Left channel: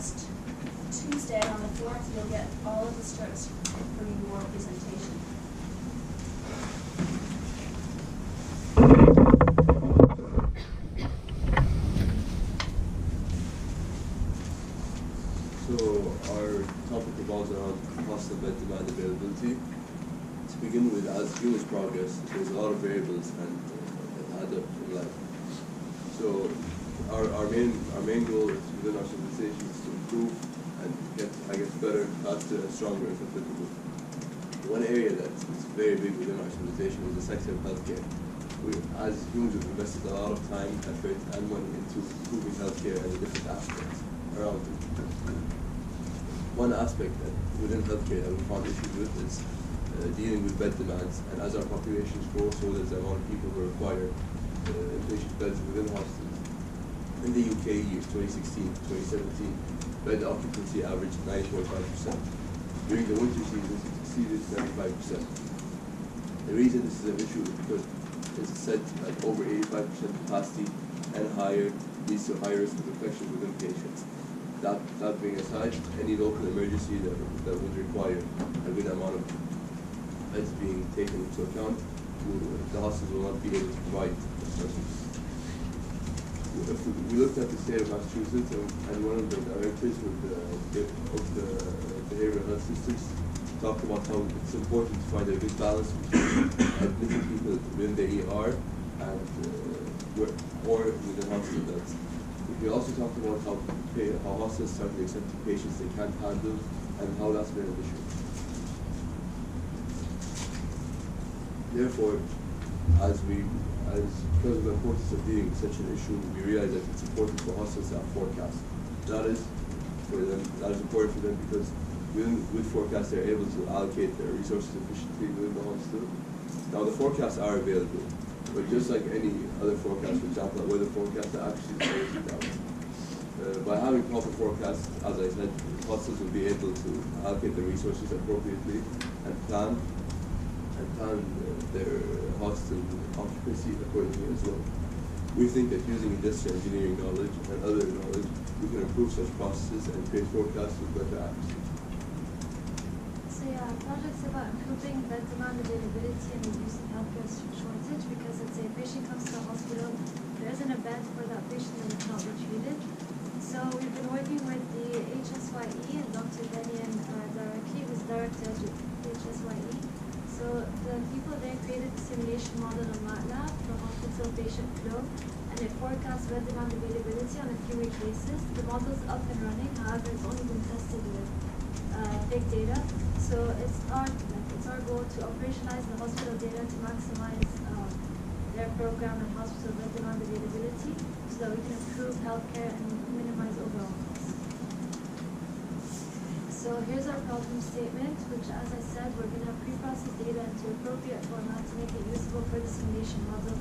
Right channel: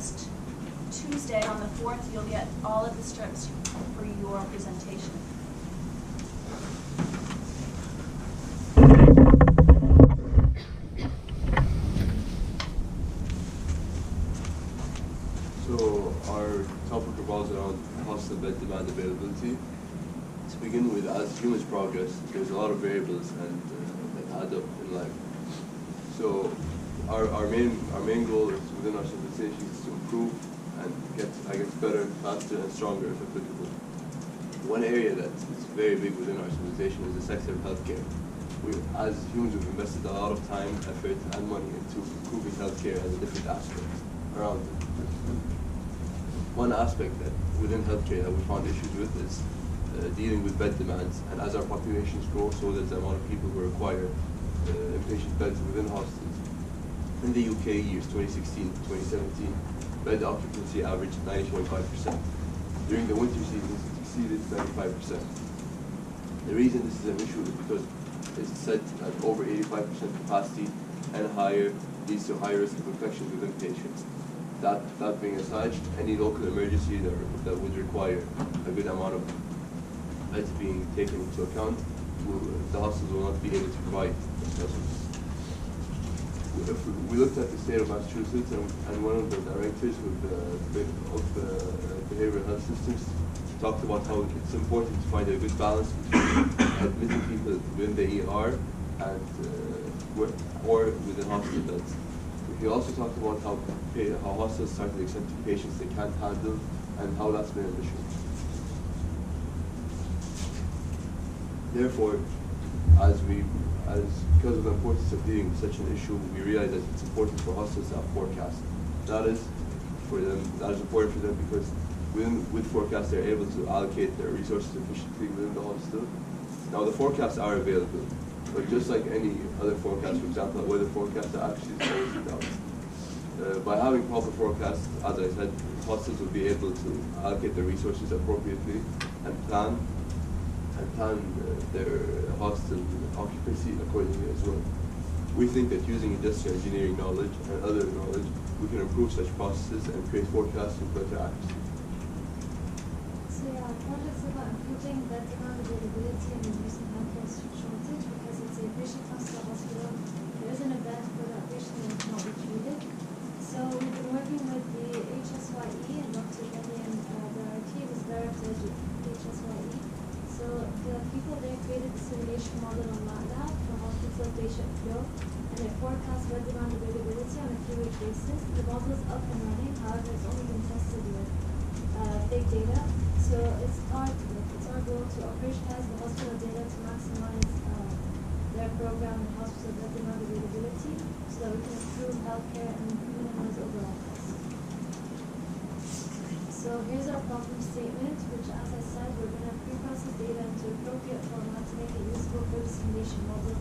next Tuesday on the 4th, you'll get all of the strips for your presentation. So our topic revolves around hospital bed demand availability. To begin with, as humans progress, there's a lot of variables and that add up in life. So our main goal is within our civilization is to improve and get, I guess, better, faster, and stronger if applicable. One area that's very big within our civilization is the sector of healthcare. As humans, we've invested a lot of time, effort, and money into improving healthcare and the different aspects around it. One aspect that within healthcare that we found issues with is dealing with bed demands, and as our populations grow, so does the amount of people who require inpatient beds within hospitals. In the UK, years 2016 to 2017, bed occupancy averaged 90.5%. During the winter seasons, it exceeded 95%. The reason this is an issue is because it's said that over 85% capacity and higher leads to higher risk of infections within patients. That being aside, any local emergency that would require a good amount of beds being taken into account, the hospitals will not be able to provide those services. If we looked at the state of Massachusetts, and one of the directors of the behavioral health systems talked about how it's important to find a good balance between admitting people within the ER and or within hospital beds. He also talked about how hospitals started accepting patients they can't handle and how that's been an issue. Therefore, because of the importance of dealing with such an issue, we realize that it's important for hospitals to have forecasts. That is important for them because with forecasts they're able to allocate their resources efficiently within the hospital. Now the forecasts are available, but just like any other forecast, for example, a weather forecast, that actually is always out. By having proper forecasts, as I said, hospitals will be able to allocate their resources appropriately and plan their hospital occupancy accordingly as well. We think that using industrial engineering knowledge and other knowledge, we can improve such processes and create forecasts with better accuracy. So yeah, projects about improving bed demand availability and reducing healthcare shortage, because let's say a patient comes to a hospital, there isn't a bed for that patient and it's not be treated. So we've been working with the HSYE and Dr. Denian directly, who's director of HSYE. So the people there created the simulation model on MATLAB for hospital patient flow, and it forecasts bed demand availability on a few-week basis. The model's up and running, however, it's only been tested with big data. So it's our goal to operationalize the hospital data to maximize their program and hospital bed demand availability, so that we can improve healthcare and minimize overall costs. So here's our problem statement, which, as I said, we're going to pre-process data into appropriate format to make it usable for the simulation model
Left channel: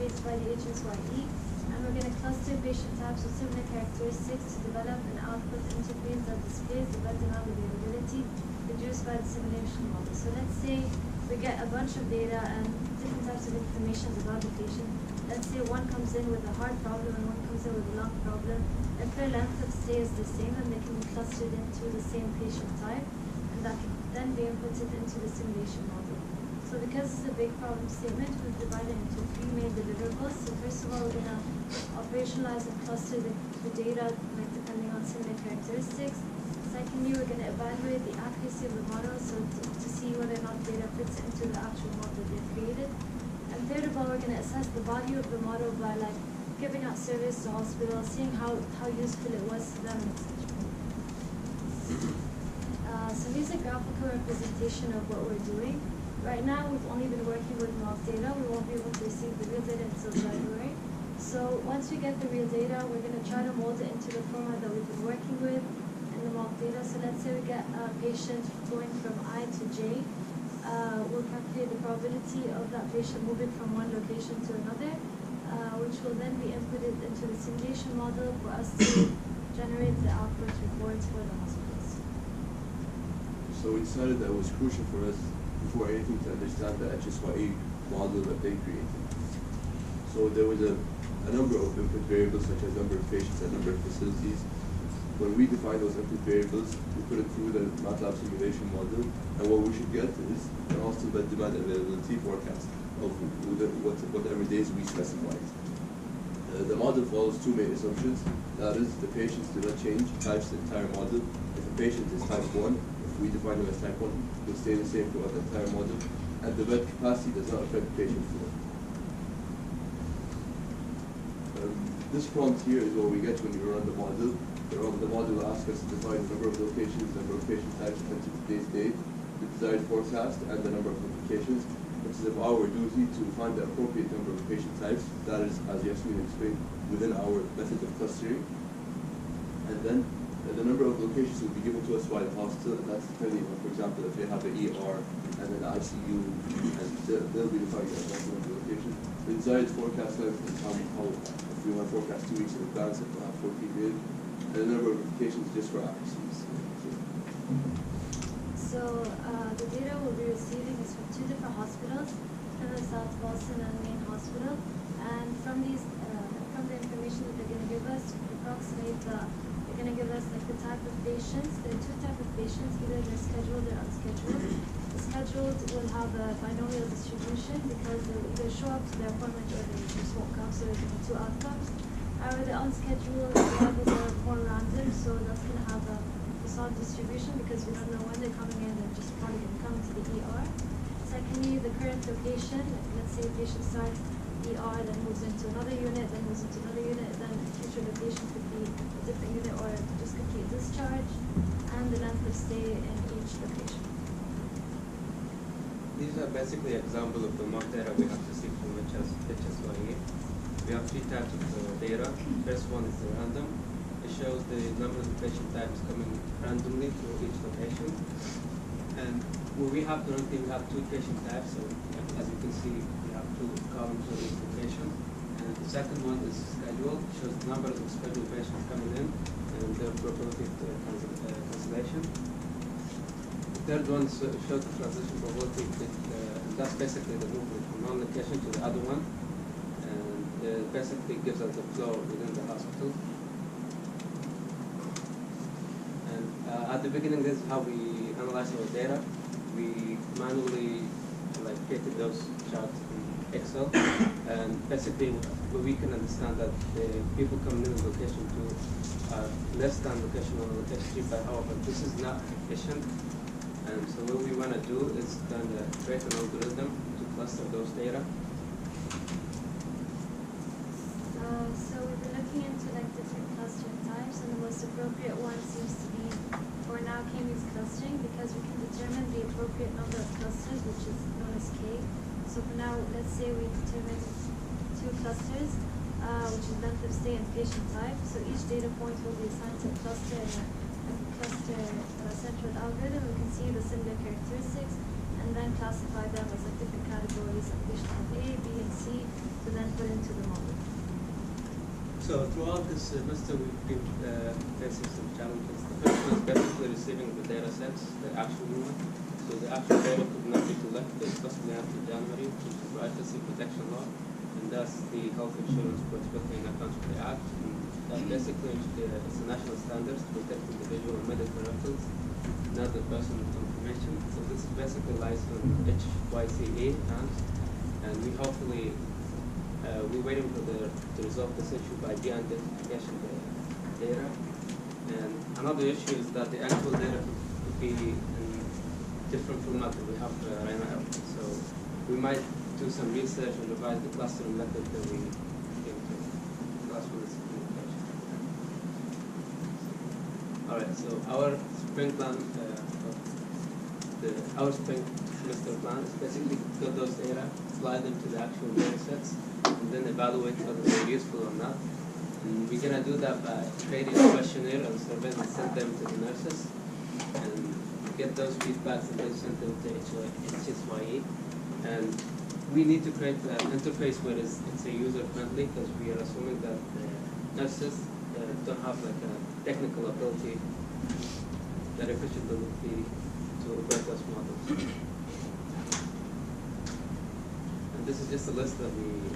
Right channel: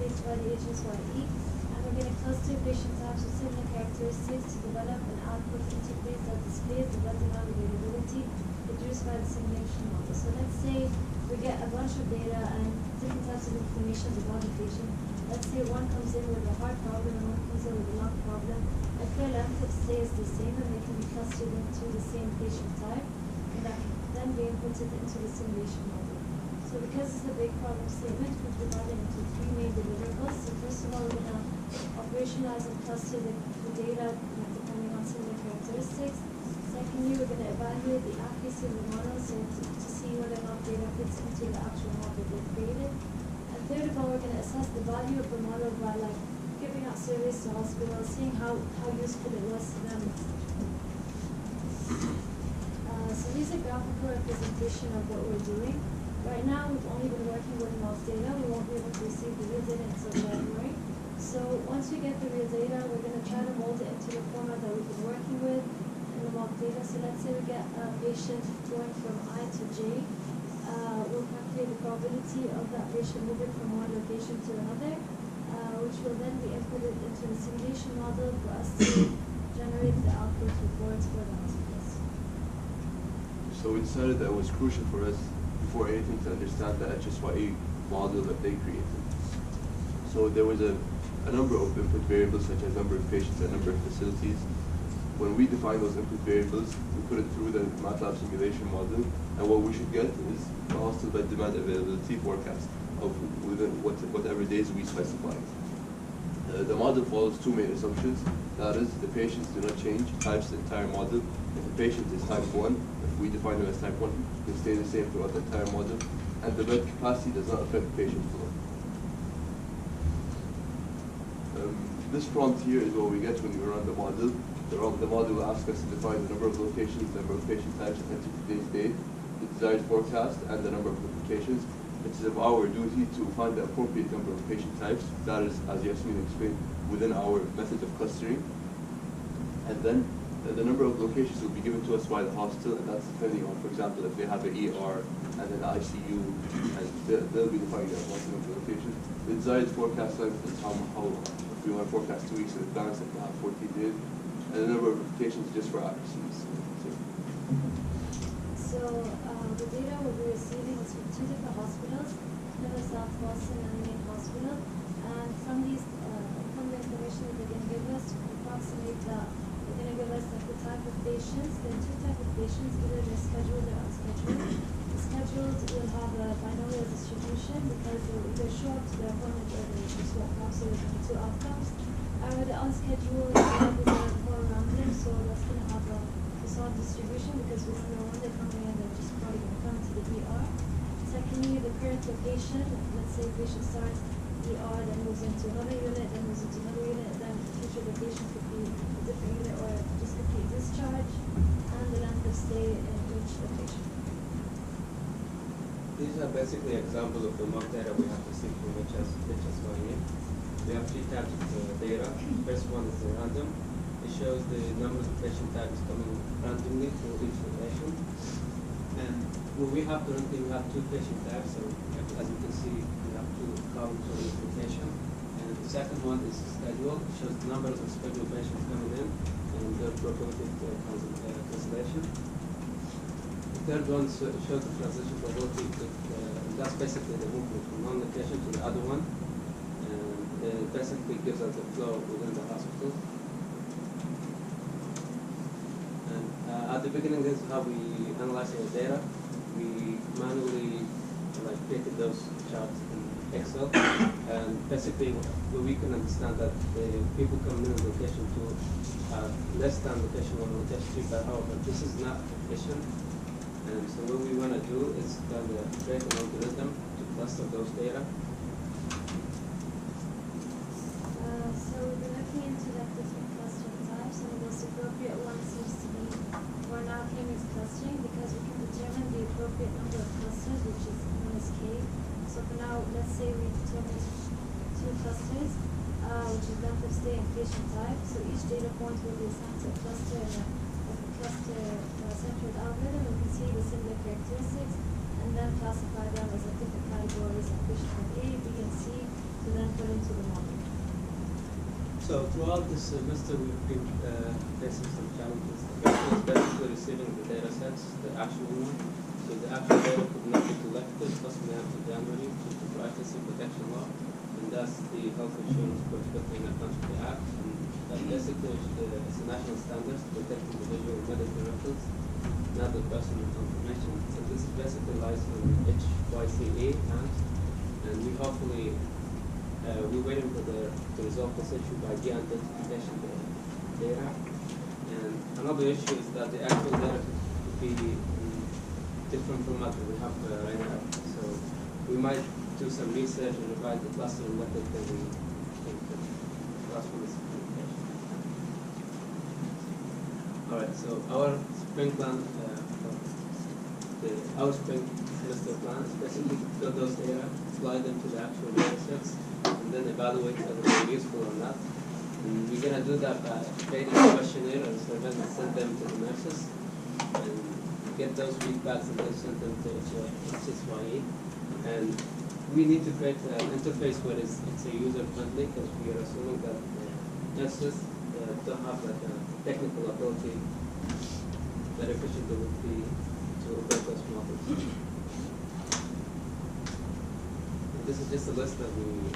created by the HSYE. And we're going to cluster patient types with similar characteristics to develop an output interface that displays the bed demand availability produced by the simulation model. So let's say we get a bunch of data and different types of information about the patient. Let's say one comes in with a heart problem and one comes in with a lung problem. If their length of stay is the same, then they can be clustered into the same patient type, and that can then be inputted into the simulation model. So because it's a big problem statement, we've divided into three main deliverables. So first of all, we're going to operationalize and cluster the data depending on similar characteristics. Secondly, we're going to evaluate the accuracy of the model, so to see whether or not data fits into the actual model they've created. And third of all, we're going to assess the value of the model by giving out service to hospitals, seeing how useful it was to them, etc. So here's a graphical representation of what we're doing. Right now, we've only been working with mock data. We won't be able to receive the real data until January. So once we get the real data, we're going to try to mold it into the format that we've been working with in the mock data. So let's say we get a patient going from I to J. We'll calculate the probability of that patient moving from one location to another, which will then be inputted into the simulation model for us to generate the output reports for the hospitals. So we decided that it was crucial for us, before anything, to understand the HSYE model that they created. So there was a number of input variables, such as number of patients and number of facilities. when we define those input variables, we put it through the MATLAB simulation model, and what we should get is the hostel bed demand availability forecast of whatever days we specified. The model follows two main assumptions. That is, the patients do not change, types the entire model. If the patient is type 1, if we define them as type 1, they stay the same throughout the entire model. And the bed capacity does not affect patient flow. This prompt here is what we get when we run the model. The model will ask us to define the number of locations, the number of patient types entered today's date, the desired forecast, and the number of applications. It is of our duty to find the appropriate number of patient types. That is, as Yasmin explained, within our method of clustering. And then the number of locations will be given to us by the hospital, and that's depending on, for example, if they have an ER and an ICU, and they'll be defining that number of locations. The desired forecast length is how if we want to forecast 2 weeks in advance, if we'll have 14 days, and the number of applications just for accuracies. So the data we'll be receiving is from 2 different hospitals, Plymouth South Boston and Main Hospital. And from these, from the information that they're going to give us, we can approximate they're going to give us like the type of patients. There are 2 types of patients, either they're scheduled or unscheduled. The scheduled will have a binomial distribution because they'll either show up to their appointment or they just won't come, so there's only 2 outcomes. However, the unscheduled levels are more random, so that's going to have a facade distribution because we don't know when they're coming in, they're just probably going to come to the ER. Secondly, the current location, let's say a patient starts ER, then moves into another unit, then moves into another unit, then the future location could be a different unit or just complete discharge, and the length of stay in each location. These are basically examples of the mock data we have received from HSYE. We have 3 types of data. First one is the random. It shows the number of patient types coming randomly through each location. And what we have currently, we have 2 patient types. So as you can see, we have 2 columns for each location. And the second one is schedule. It shows the number of scheduled patients coming in and their probability of cancellation. The third one shows the transition probability. That's basically the movement from one location to the other one. And basically gives us the flow within the hospital. And at the beginning, this is how we analyze our data. We manually created those charts in Excel. And basically, we can understand that the people coming in location 2 are less than location 1 and location 3, but however, this is not efficient. And so what we want to do is kind of create an algorithm to cluster those data. So we've been looking into like different clustering types, and the most appropriate one seems to be for now K-means clustering because we can determine the appropriate number of clusters, which is known as K. So for now, let's say we determine 2 clusters, which is length of stay and patient type. So each data point will be assigned to a cluster and a cluster central algorithm. We can see the similar characteristics and then classify them as different categories of patient type A, B, and C to then put into the model. So throughout this semester, we've been facing some challenges. The first one is basically receiving the data sets, the actual one. So the actual data could not be collected possibly after January due to privacy protection law, and that's the Health Insurance Prospecting Accounts for the Act. And that basically it's a national standards protecting the visual and medical records, not the personal information. So this is basically lies on HYCA and we hopefully we're waiting for to resolve this issue by de-identification data. And another issue is that the actual data could be in different format that we have right now. So we might do some research and revise the clustering method that we think of. The last one is communication. All right, so our spring plan, our spring semester plan is basically get those data, slide them to the actual data sets, and then evaluate whether they're useful or not. And we're going to do that by creating a questionnaire and survey and send them to the nurses and get those feedbacks and then send them to HSYE. And we need to create an interface where it's a user-friendly because we are assuming that the nurses don't have like a technical ability that efficient would be to operate those models. And this is just a list that we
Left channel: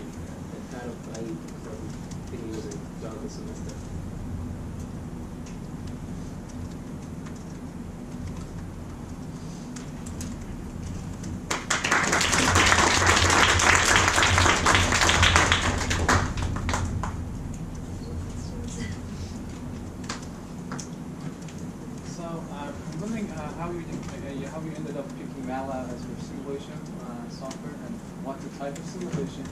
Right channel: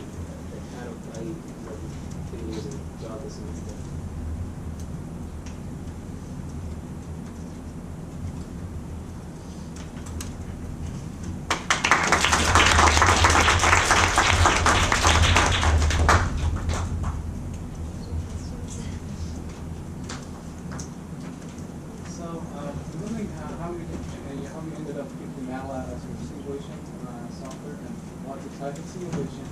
kind of that we've been using throughout the semester. the type of simulation.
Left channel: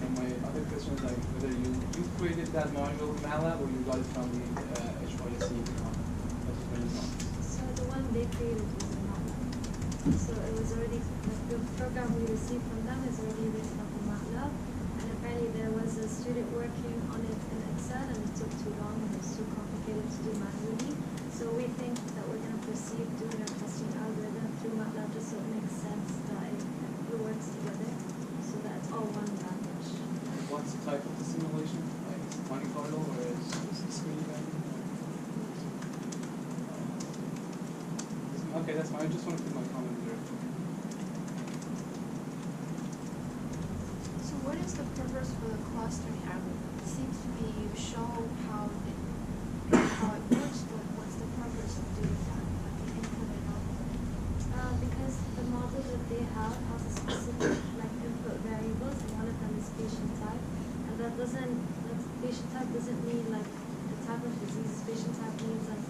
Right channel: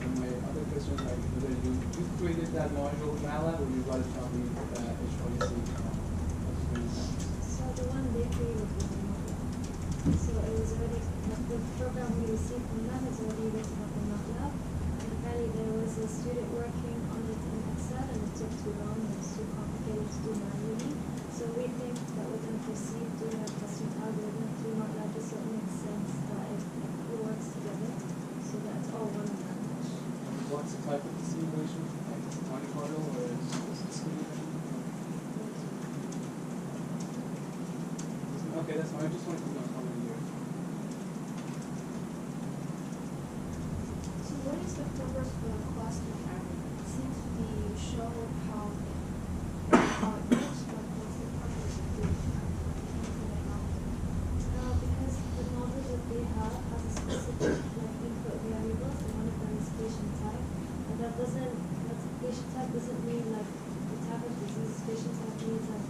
And my other question is like whether you created that module in MATLAB or you got it from the HYSC model. That's very important. So the one they created was in MATLAB. So it was already, the program we received from them is already written up in MATLAB. And apparently there was a student working on it in Excel and it took too long and it's too complicated to do manually. So we think that we're going to proceed doing a custom algorithm through MATLAB just so it makes sense that it works together so that it's all one language. What's the type of the simulation? Like is it Monte Carlo or is it discrete? Okay, that's fine. I just wanted to put my comment there. So what is the purpose for the clustering algorithm? It seems to be you show how it works, but what's the purpose of doing that, of the input and output? Because the model that they have has a specific like input variables and one of them is patient type. And that patient type doesn't mean like the type of disease. Patient type means like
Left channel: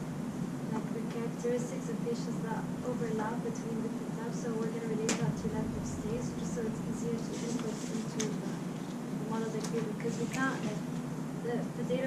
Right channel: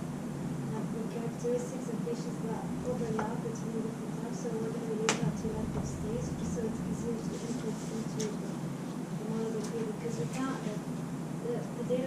the characteristics of patients that overlap between different types. So we're going to relate that to length of stays just so it's easier to input into the model they created because we can't like the data